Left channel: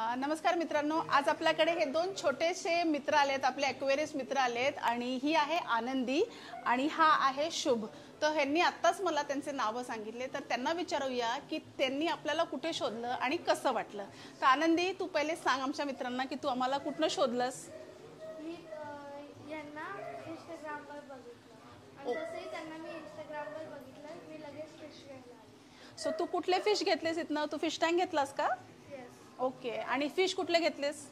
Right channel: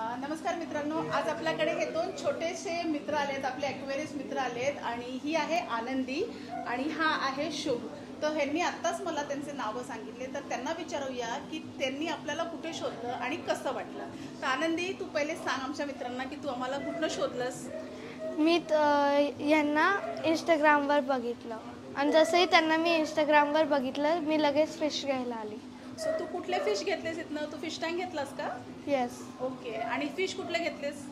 नमस्कार मित्रांनो, आज आपल्याकडे हे दोन छोटेसे मित्र आलेत, आपले ॲक्वेरियस मित्र आलेत आणि ही आहे आनंदी आणि हा आहे शुभ. तर ह्यांनी आत्ताच मला त्यांचे नावं सांगितले, तर त्यांना विचारूया की त्यांनी आपल्याला कुठे शोधलं आणि कसं वाटलं. तर आनंदी, तू पहिले सांग आमच्या मित्रांना की तू आम्हाला कुठनं शोधलंस. मी यांना इंस्टाग्रामवर बघितलं आणि जसंही त्यांना मी इंस्टाग्रामवर बघितलं मी लगेच फिश घ्यायला आली. सो तू कुठले फिश घेतलेस इथनं? तू फिश टँक घेतलास का? येस. ओके. आणि फिश कुठले घेतलेस?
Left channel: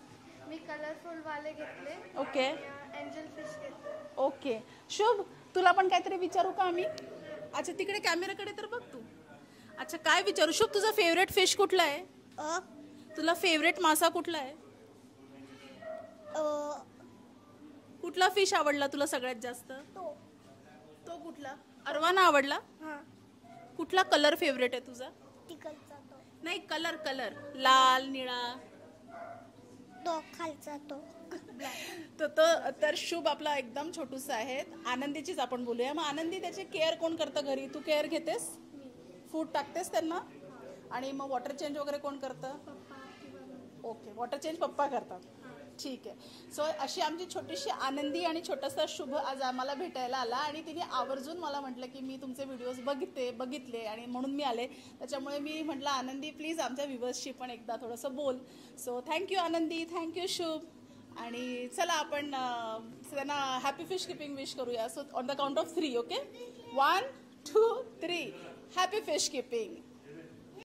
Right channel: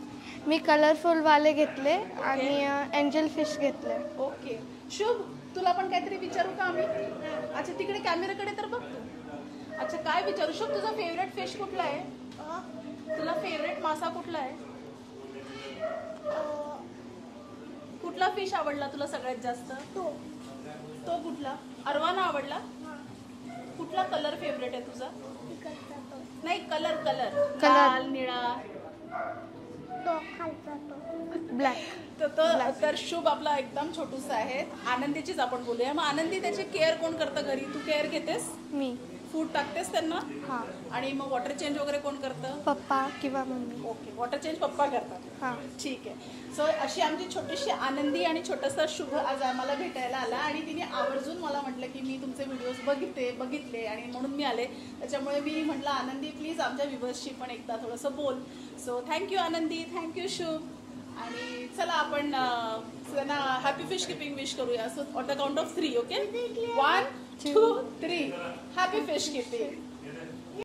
मी कलरफुल वाले घेतले आणि एंजल फिश घेतले. ओके. शुभ, तुला पण काहीतरी विचारू का आम्ही? अच्छा, तिकडे कॅमेराकडे तर बघ तू. अच्छा, काय विचारू? शुभ, तुझा फेवरेट फिश कुठला आहे? तुला फेवरेट मासा कुठला आहे? कुठला फिश आवडला तुला सगळ्यात जास्त? तो कुठला? अरवाना आवडला? कुठला कलर फेवरेट आहे तुझा? नाही, कलर लाल, निळा, ब्लॅक. तर शुभ आपला एकदम छोटूसा आहे. आनंदीचीच आपण बोलूया. मग आनंदी, त्याची केअर कोण करतं घरी? तू केअर घेतेस? मी. फूड टाकतेस त्यांना? हां. आणि मग वॉटर चेंज वगैरे कोण करतं? पप्पा किंवा मम्मी. ओके, वॉटर चेंज पप्पा करतात. हां. ठीक आहे. सो अशी आमची छोटीशी आनंदी आणि छोटासा शुभ आज आम्हाला भेटायला आला आणि तिने आवर्जून मला म्हटलं की मी तुमचे व्हिडिओज बघितले आणि म्हणून मी आले. त्याच्यामुळे मी म्हटलं आनंदी प्लीज आमच्या व्ह्यूअर्सशी पण एकदा थोडंसं बोल. सो थँक्यू आनंदी, थँक्यू शुभ. आणि चला आपण त्यांना हॅपी फिश किपिंग विश करूया. So on the count of 3, okay? 1, 2, 3. Happy fish keeping.